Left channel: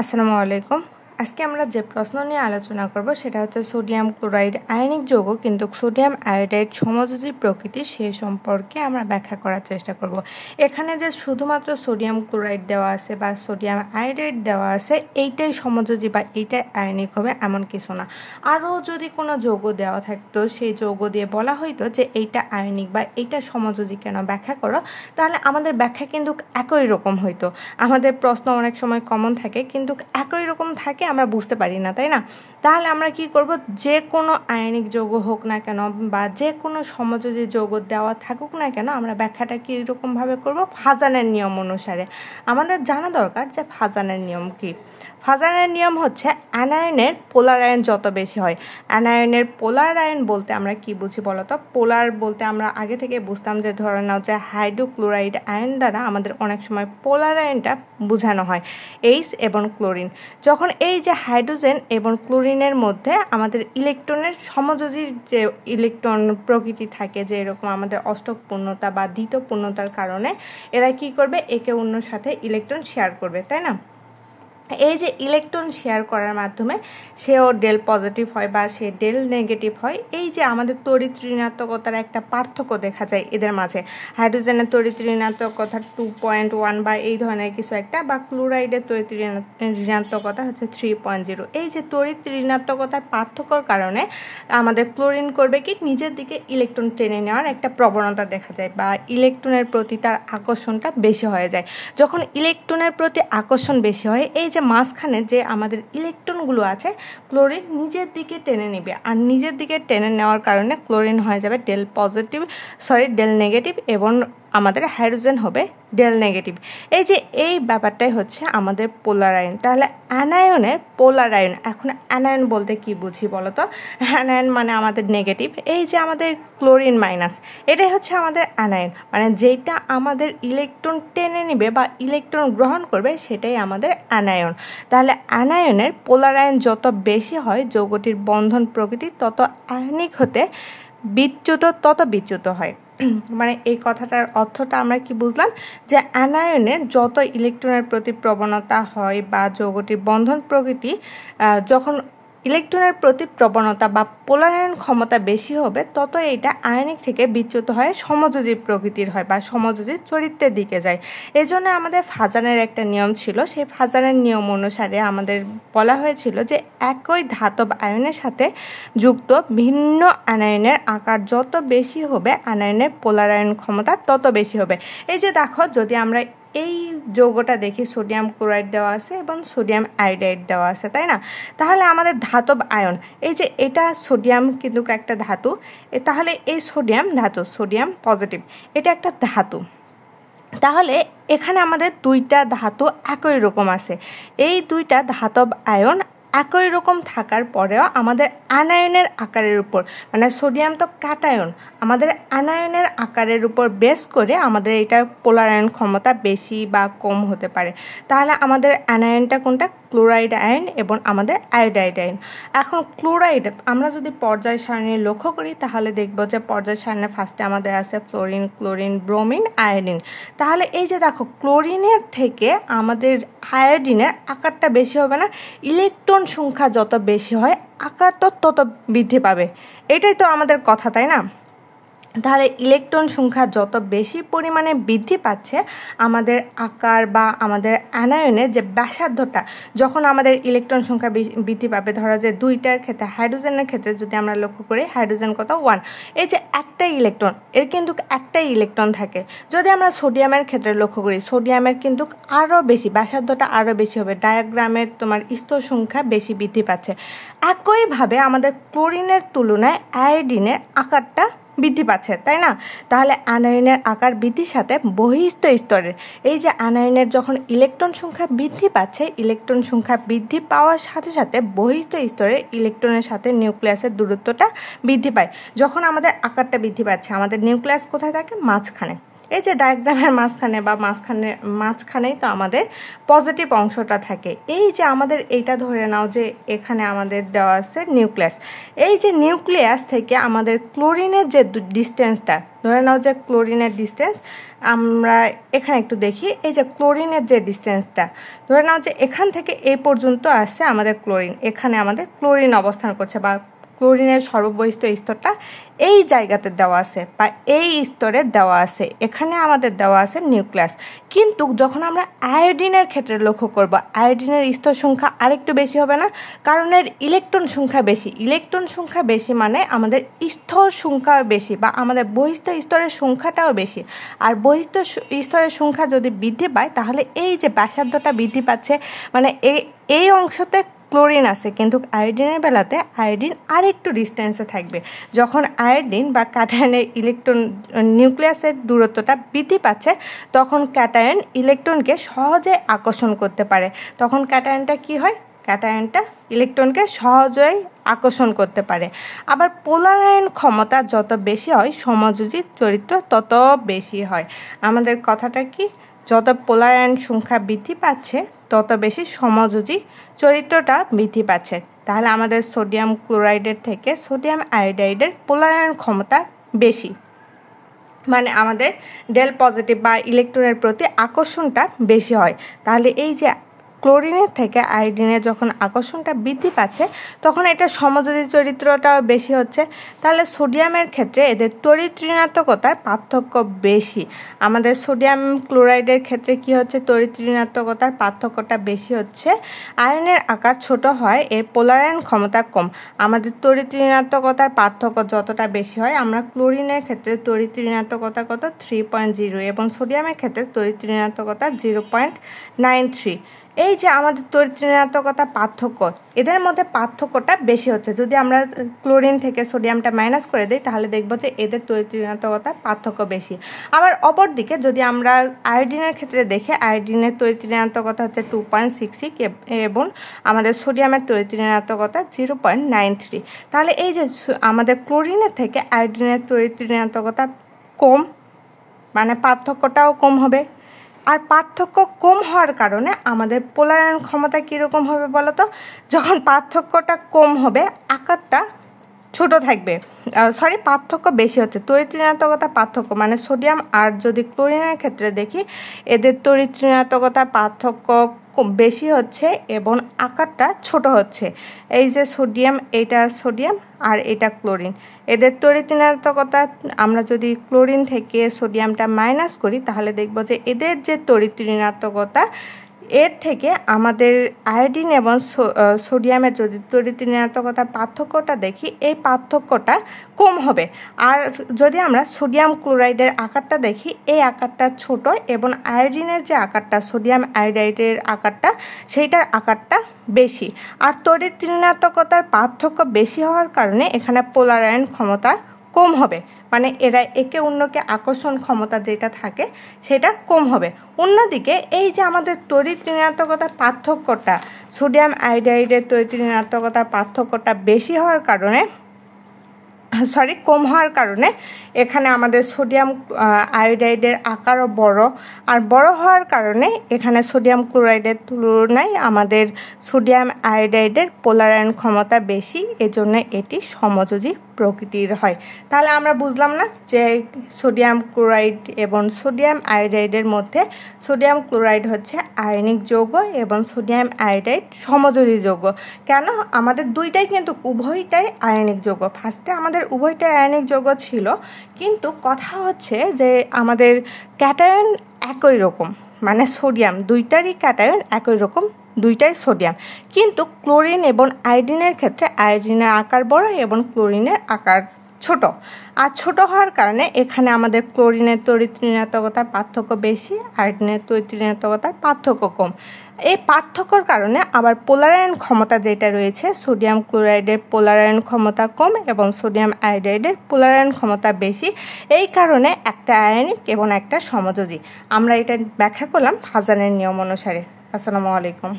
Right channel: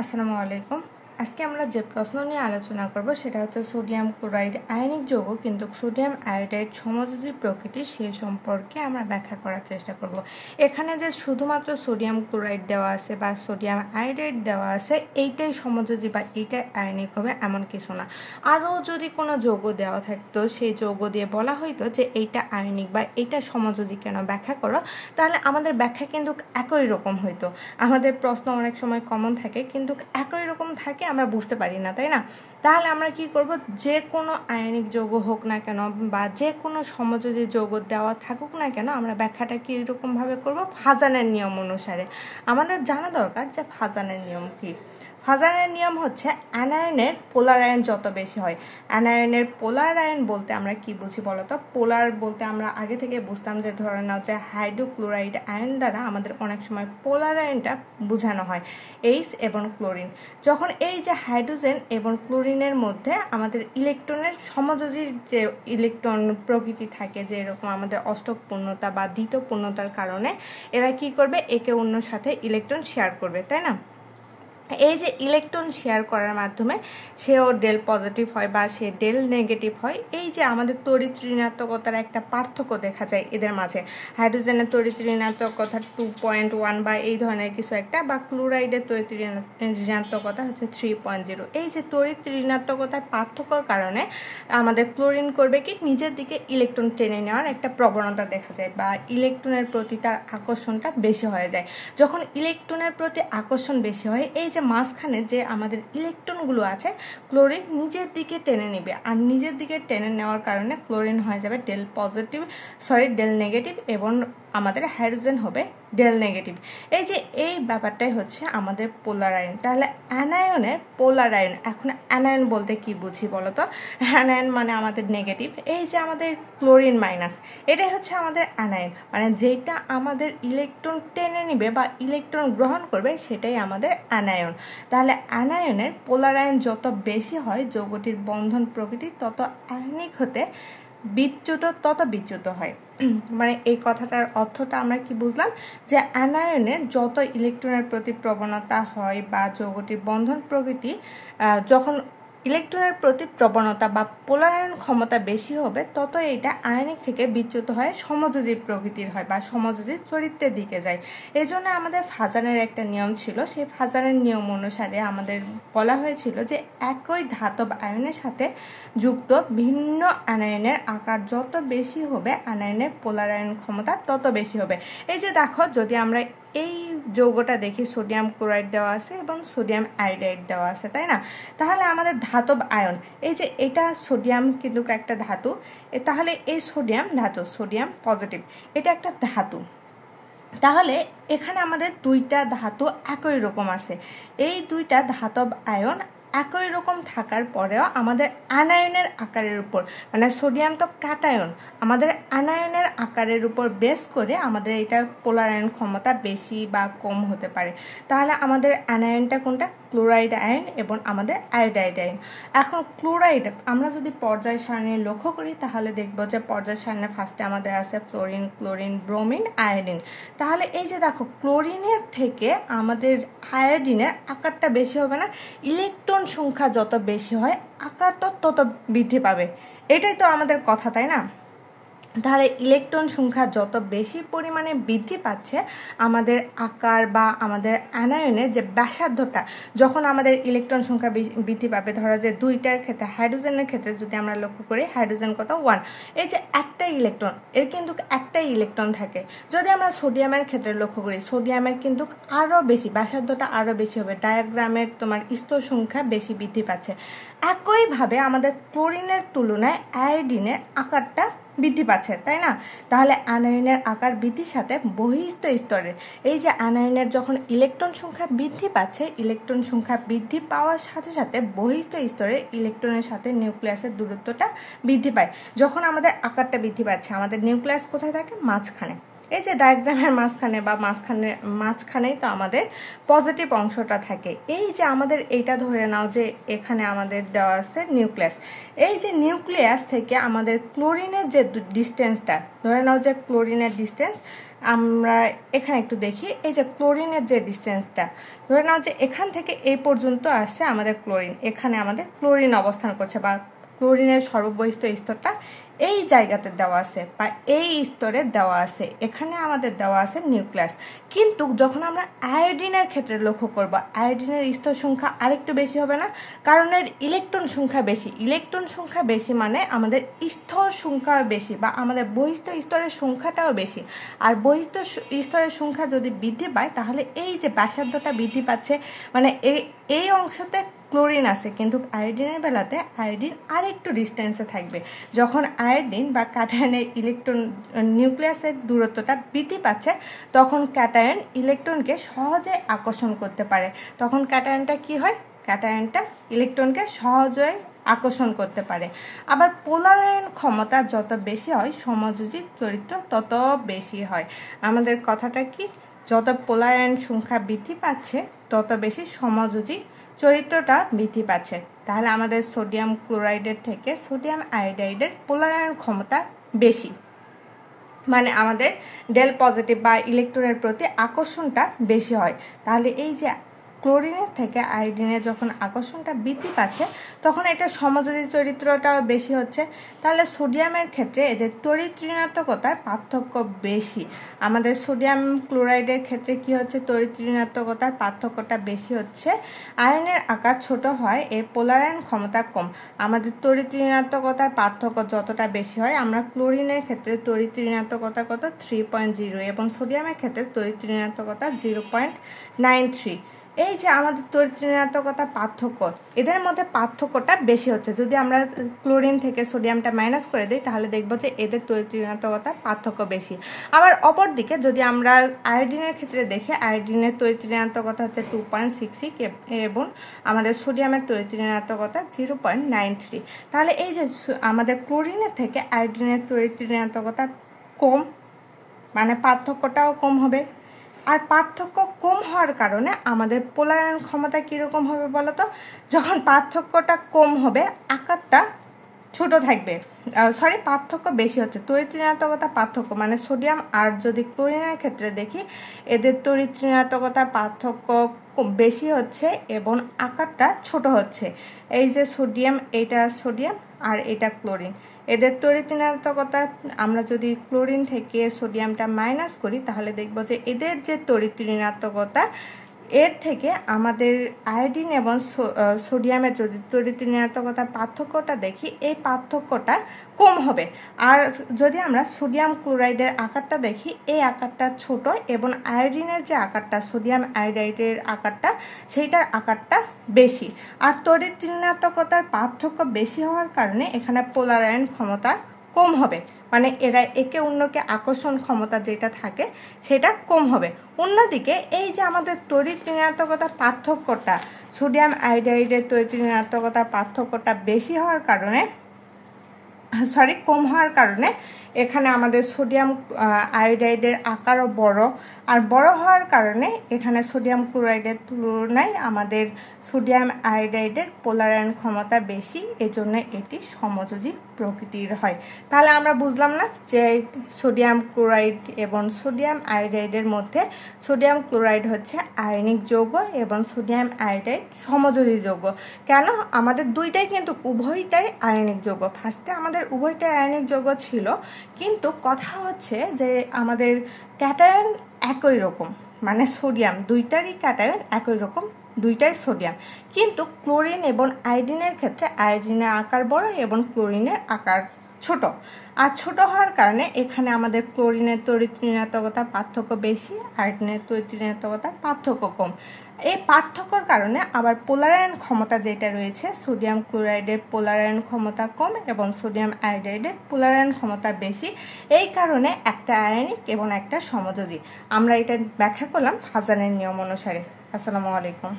আসসালামু আলাইকুম। আজকে আমরা যে প্রশ্ন নিয়ে আলোচনা করব সেটা হচ্ছে সোডিয়াম ক্লোরাইড আয়নিক যৌগ কিন্তু সোডিয়াম আয়োডাইড সমযোজী প্রকৃতি সে সম্পর্কে আমরা ব্যাখ্যা করার চেষ্টা করব। এখানে যে শুধুমাত্র সোডিয়াম ক্লোরাইড দেওয়া আছে বা সোডিয়াম আয়োডাইড দেওয়া আছে এইটাই সমযোজী বা এইটাই আয়নিক হবে এমন কিছু না। আরও যদি কোনো যৌগ দেওয়া থাকতো সেই যৌগ দিয়ে বলা হইতো যে এইটা আয়নিক বা এইটা সমযোজী কেন ব্যাখ্যা করো, তাহলে আমাদের ব্যাখ্যা কিন্তু একই রকম হইতো। আমাদের প্রশ্ন অনেক সময় কমন থাকে কিন্তু একই রকম থাকে, আমরা বুঝতে পারি না, তাই না? তাহলে আমরা কি করব, যে কোনো আয়নিক যৌগ হোক না কেন বা যে কোনো সমযোজী যৌগ দেওয়া থাকুক না কেন আমরা ব্যাখ্যাটা কি এরকমভাবে করব, ফাজানের নিয়ম অনুসারে। আমাদের জানা দরকার যে ফাজানের নিয়ম কি। ফাজানের নিয়ম হচ্ছে অ্যানায়নের পোলার আয়ন যত বেশি হয়। অ্যানায়নের পোলার আয়ন বলতে আমরা কি বুঝি বলতো? পোলার বলতে আমরা আগে থেকে বুঝতাম যে ধরে নাও যে হাইড্রোক্লোরাইড আয়ন দ্বারা আমাদের অনেক সময় পোলার আয়নটা বোঝানো হয় এইচ এবং ক্লোরিন। যখন এই যে হাইড্রোজেন এবং ক্লোরিনের মধ্যে আমাদের ইলেকট্রনের সমযোজীর যে ইলেকট্রন প্রকৃতি থাকে, যে এরকম আমাদের অষ্টক পূর্ণতা বা দ্বিতীয় পূর্ণতার কারণে এরা কি করবে, একে অন্যের সাথে ইলেকট্রন শেয়ার করবে, তাই না? এই যে ইলেকট্রন শেয়ার করার মাধ্যমে সেও ডেল পজিটিভ হয় বা সে ডেল নেগেটিভ হয়। এই যে আমাদের তড়িৎ ঋণাত্মকতার একটা পার্থক্য দেখা যায় এদের মাঝে। হাইড্রোজেনের তড়িৎ ঋণাত্মকতা 2.1 বা এই ধরনের কিছু একটা, বা ক্লোরাইডের তড়িৎ ঋণাত্মকতা হচ্ছে 3.0। এই যে তড়িৎ ঋণাত্মকতার পার্থক্যর কারণে আমাদের ক্লোরিন করবে কি, নিজের দিকে ইলেকট্রন টেনে নেওয়ার একটা প্রবণতা দেখা যায় বা ইলেকট্রনের প্রতি তার আকর্ষণটা বেশি হয়ে যায়। যখন ইলেকট্রনের প্রতি আকর্ষণ বেশি হয়, এই যে মাঝখানে যে আমাদের ইলেকট্রনগুলো আছে ক্লোরিন নিজের দিকে টেনে নেবে, আর নিজের দিকে টেনে নেওয়ার কারণে ক্লোরিন হয়ে যাবে ডেল নেগেটিভ এবং আমাদের হাইড্রোজেন হবে ডেল নেগেটিভ। এই যে এই ব্যাপারটাই হচ্ছে আমাদের পোলার আয়ন। তাহলে অ্যানায়নের পোলার আয়ন, এখন অ্যানায়ন বলতে কি বুঝি বলতো? অ্যানায়ন মানে আমাদের নেগেটিভ। এই যে আমাদের ক্লোরিন মাইনাস, এটাই হচ্ছে আমাদের অ্যানায়ন, মানে যেটা আমাদের ইলেকট্রন টেনে নিবে বা ইলেকট্রন গ্রহণ করবে সেটাই আমাদের অ্যানায়ন। তাহলে অ্যানায়নের পোলার আয়ন যত বেশি হয় যৌগটির বন্ধন প্রকৃতি তত আয়নিক হতে তত বিচ্যুত হয়। মানে এই কথাটার অর্থটা আমরা কি বুঝলাম, যে অ্যানায়নের যত ইলেকট্রনের প্রতি প্রবণতা হয় বা যৌগটির বন্ধন প্রকৃতি যখন ইলেকট্রনের প্রতি প্রবণতা বা পোলারায়ন ক্ষমতা বেশি হবে তত এটা আয়নিক থেকে বিচ্যুত হয়ে সমযোজী প্রকৃতির হয় বা সমযোজী চরিত্রের দিকে যায়। এজন্য আমাদের ফাজানের একটা নিয়ম ছিল, সেই ফাজানের নিয়ম অনুসারে আমাদের বলা হয়েছিল যে একই ধাতব আয়নের সাথে যুক্ত ভিন্ন অ্যানায়নের আকার যত বেশি হবে অ্যানায়নের পোলারায়ন ক্ষমতা তত বেশি হবে। এই যে দেখো, যদি আমরা এই যৌগটা দেখি, সোডিয়াম ক্লোরাইড দেওয়া আছে এবং সোডিয়াম আয়োডাইড দেওয়া আছে, তাই না? তাহলে আমাদের ধাতব আয়ন, এই যে এটা সোডিয়াম কিন্তু একটা ধাতু, তাহলে এই সোডিয়াম ধাতু, সোডিয়াম পজিটিভ, এটা একটা ধাতু। তাহলে এখানে আমাদের দুইটা ধাতু একই রকম আছে। এই দুইটা ধাতব আয়ন একই রকম থাকার পরেও আমাদের আনায়নের আকারের উপর, মানে সোডিয়াম তো ক্যাটায়ন, আমাদের আনায়নের আকারের উপর বেস করে আমাদের এটা পোলারায়ন ক্ষমতা বেশি বা কম হতে পারে। তাহলে আমাদের আনায়নটা কোনটা? ক্লোরাইড আয়ন এবং আমাদের আয়োডাইড আয়ন। এখন ক্লোরাইড আমরা যদি পর্যায় সারণী লক্ষ্য করি তাহলে দেখব যে পর্যায় সারণীর ফার্স্টে আমাদের আছে ফ্লোরিন, ক্লোরিন, ব্রোমিন, আয়োডিন। তাহলে এই যে দেখো, ক্লোরিনের থেকে আমাদের আয়োডিনের আকারটা বেশি হবে না? ইলেকট্রন সংখ্যা যত বেশি হয় আকারটা তত বৃদ্ধি পাবে, এটাই তো আমাদের কথা, তাই না? তাহলে ইলেকট্রন সংখ্যা যত বেশি পরিমাণে বৃদ্ধি পাচ্ছে আমাদের আকার বা আমাদের অ্যানায়নের যে ব্যাসার্ধটা, যখন আমাদের ইলেকট্রন সংখ্যা বৃদ্ধি পাবে, ধরো যে দুইটার ক্ষেত্রে, হাইড্রোজেনের ক্ষেত্রে যদি আমরা লক্ষ্য করি, হাইড্রোজেন কত? 1। এই যে একটাই ইলেকট্রন, এর কিন্তু একটাই ইলেকট্রন থাকে। যদি আমরা সোডিয়ামের ক্ষেত্রে লক্ষ্য করি, সোডিয়ামের কিন্তু আরও বেশি, ব্যাসার্ধটা আরও বেশি হবে, ডায়াগ্রামের তোমার স্তর সংখ্যা বেশি বৃদ্ধি পাচ্ছে। একইভাবে আমাদের ক্লোরিনের তুলনায় আয়োডিনের আকারটা বৃদ্ধি পাচ্ছে, তাই না? তাহলে অ্যানায়নের আকার বৃদ্ধির সাথে বহিঃস্থ স্তরের, এই যে অ্যানায়নের যখন ইলেকট্রন সংখ্যা বৃদ্ধি পাচ্ছে, ইলেকট্রন সংখ্যা বৃদ্ধি পাওয়ার সাথে সাথে বহিঃস্থ স্তরের ইলেকট্রনের সাথে নিউক্লিয়াসের দূরত্বটা বৃদ্ধি পায়। যখন আমাদের আকারটা বৃদ্ধি পাচ্ছে, আমাদের নিউক্লিয়াস কোথায় থাকে? মাঝখানে। এই যে ডায়াগ্রামের মাঝখানে বা মাঝখানেই তো আমাদের পজিটিভ অংশটা থাকে। এই যে আমাদের এইটা ধরে নাও যে এখানে আমাদের দেওয়া আছে নিউক্লিয়াস, এই যে নিউক্লিয়াস থেকে আমাদের ক্লোরিনের যে ডিস্টেন্সটা, ধরে নাও যে ক্লোরিনের ডিস্টেন্স, আমরা এখানে একটু দেখি, এই যে ক্লোরিনের যে ডিস্টেন্সটা, ধরে নাও যে এখান থেকে এই পর্যন্ত আসছে আমাদের ক্লোরিন, এখানে আমাদের ক্লোরিন অবস্থান করছে বা ক্লোরিনের সর্ববহিষ্ঠ স্তরটা এই জায়গাতে দেওয়া আছে বা এই স্তরে দেওয়া আছে, এখানে আমাদের দেওয়া আছে নিউক্লিয়াস। কিন্তু যখন আমরা আয়োডিনের ক্ষেত্রে লক্ষ্য করব, আয়োডিনের স্তর সংখ্যা আরেকটু বেশি হবে না, কারণ এর ইলেকট্রন সংখ্যা বেশি। ইলেকট্রন সংখ্যা বেশি মানে আমাদের স্তর সংখ্যাও বেশি বা আমাদের বহিষ্ঠ স্তরের সংখ্যাটাও বেশি। আর বহিষ্ঠ স্তরের সংখ্যা যদি বৃদ্ধি পায় তাহলে এই যে ব্যাসার্ধটা বৃদ্ধি পাচ্ছে, মানে এই অংশতে ক্লোরিন আছে, কিন্তু আয়োডিনের বেলাতে আয়োডিন আর একটু ডিস্টেন্সে থাকবে। যখন আয়োডিন বা ক্যাটায়নের ইলেকট্রন নিউক্লিয়াসের দূরত্বটা বৃদ্ধি পাচ্ছে, তখন ক্যাটায়ন ইলেকট্রনকে সহজে আকর্ষণ করতে পারে। তখন ক্যাটায়নটা কি হয়? ক্যাটায়নটা ইলেকট্রনকে সহজেই আকর্ষণ করতে পারে। আবার পোলারায়ন ক্ষমতা যত বেশি হয়, সমযোজী চরিত্র তত বেশি হয়। আমাদের কথাটা কি? যত পোলারায়ন সংখ্যা বৃদ্ধি পাচ্ছে তত বেশি সমযোজী চরিত্রটা বৃদ্ধি পাচ্ছে। তাহলে আমাদের সোডিয়াম ক্লোরাইডের থেকে সোডিয়াম আয়োডাইডের পোলারায়ন ক্ষমতা বেশি, মানে আমাদের ডেল পজিটিভ বা ইলেকট্রনের প্রতি আকর্ষণটা বেশি হয়। তাহলে এই যে ক্লোরিনের থেকে আয়োডিনে যখন আকর্ষণটা বৃদ্ধি পাচ্ছে, তখন এটা সমযোজী চরিত্রটাও বেশি হচ্ছে। তাহলে সোডিয়ামের ক্ষেত্রে এদের তড়িৎ ঋণাত্মকতার পার্থক্য বেশি। আমাদের সোডিয়াম ক্লোরাইডের ক্ষেত্রে কি হচ্ছে? তড়িৎ ঋণাত্মকতার পার্থক্যটা বেশি হচ্ছে। আয়নের আকার ছোট হয়, এর পোলারায়ন ক্ষমতা কম। আমাদের তড়িৎ ঋণাত্মকতার পার্থক্য যতটা বেশি হয়, আমরা ক্লোরিনের ক্ষেত্রে তড়িৎ ঋণাত্মকতা কত? 3.0 এবং সোডিয়ামের ক্ষেত্রে তড়িৎ ঋণাত্মকতা 0.93। এই যে আমাদের তড়িৎ ঋণাত্মকতা পার্থক্য, এদের মধ্যে পার্থক্যটা বেশি হচ্ছে। যদি আমরা ক্লোরিন থেকে সোডিয়ামটা মাইনাস করে দিই তাহলে দেখবো যে এদের তড়িৎ ঋণাত্মকতার পার্থক্য বেশি। আবার অপরদিকে যদি আমরা আয়োডিনের ক্ষেত্রে দেখি, আয়োডিনের তড়িৎ ঋণাত্মকতা হচ্ছে 2.66 এবং আমাদের সোডিয়ামের তড়িৎ ঋণাত্মকতা 0.93। তাহলে এই যে আমাদের ক্লোরিনের থেকে আয়োডিনের তড়িৎ ঋণাত্মকতা কম, মানে পার্থক্যটাও কম হবে। আর পার্থক্য কম হওয়ার কারণে আমাদের পোলারায়ন ক্ষমতা কীরকম হবে বলো তো? যখন পার্থক্যটা কম হবে, আকারটা ছোট থাকবে, পার্থক্য বেশি হচ্ছে। তড়িৎ ঋণাত্মকতা পার্থক্য মানে সোডিয়াম আর যদি ক্লোরিনের ক্ষেত্রে দেখি, এদের তড়িৎ ঋণাত্মকতার পার্থক্য বেশি হচ্ছে এবং আকারটা ছোট হচ্ছে। এই যে সোডিয়াম, এটা সোডিয়াম আর এটা ক্লোরিন, এদের তড়িৎ ঋণাত্মকতা আমরা যদি ক্লোরিন থেকে সোডিয়ামটা মাইনাস করি তাহলে দেখব যে এদের যে তড়িৎ ঋণাত্মকতা, এর থেকে আমাদের আয়োডিন এবং সোডিয়ামের যদি তড়িৎ ঋণাত্মকতার পার্থক্যটা দেখি, এই পার্থক্যটা কম হবে। আর যদি আমরা সোডিয়াম ক্লোরাইডের আকারটা দেখি, এই আকারটা ছোট এবং আয়োডিনের যে আকারটা, সোডিয়াম আয়োডাইডের আকারটা, সেইটার আকারটা বেশি। আর তড়িৎ ঋণাত্মকতার পার্থক্য বেশি হওয়ার কারণে এখানে পোলারায়ন ক্ষমতা কম হবে, মানে এরা একে অন্যকে আকর্ষণ ক্ষমতা যেটা থাকে সেটা কম হবে। অন্যদিকে এই যে আমাদের তড়িৎ ঋণাত্মকতার পার্থক্যটা, সোডিয়াম আয়োডাইডের তড়িৎ ঋণাত্মকতার পার্থক্যটা বেশি হওয়ার কারণে, কম হওয়ার কারণে এখানে আমাদের সোডিয়াম আয়োডাইডের আকারও বড়, আর বড় হওয়ার কারণে এখানে সোডিয়াম ক্লোরাইডের তুলনায় আমাদের সোডিয়াম আয়োডাইডের পোলারায়ন ক্ষমতা বেশি, এজন্য এটি সমযোজী প্রকৃতির হয়। তাহলে আমরা বুঝলাম না যে সোডিয়াম ক্লোরাইড এবং সোডিয়াম আয়োডাইডের মধ্যে সোডিয়াম ক্লোরাইড হচ্ছে আয়নিক যৌগ এবং সোডিয়াম আয়োডাইড সমযোজী যৌগ। কেন? আমাদের দুইটাই কিন্তু উভয়টাই আয়নিক যৌগ। ফার্স্টে আমাদের উভয়টাই আয়নিক যৌগ ছিল, কিন্তু কথা হচ্ছে যে আমাদের ক্যাটায়ন একই রকম, মানে সোডিয়াম দুইটারই ক্যাটায়ন একই রকম, দুইটাই সোডিয়াম। কিন্তু ক্লোরিন এবং আয়োডিনের ক্ষেত্রে আয়োডিনের আকার বড় এবং ক্লোরিনের আকার ছোট। আর ছোট হওয়ার কারণে এখানে আমাদের ক্লোরিনের তড়িৎ ঋণাত্মকতার পার্থক্য বেশি, আয়োডিনের তড়িৎ ঋণাত্মকতার পার্থক্য কম। এই পার্থক্যর কারণে আবার পোলারায়ন ক্ষমতা যেটা রয়েছে, সোডিয়াম ক্লোরাইডের পোলারায়ন ক্ষমতা কম এবং সোডিয়াম আয়োডাইডের পোলারায়ন ক্ষমতা বেশি। এই কারণে একটা আয়নিক এবং একটা সমযোজী। আমরা এটা ব্যাখ্যা করলাম হাজানের নিয়ম অনুসারে। আসসালামু আলাইকুম।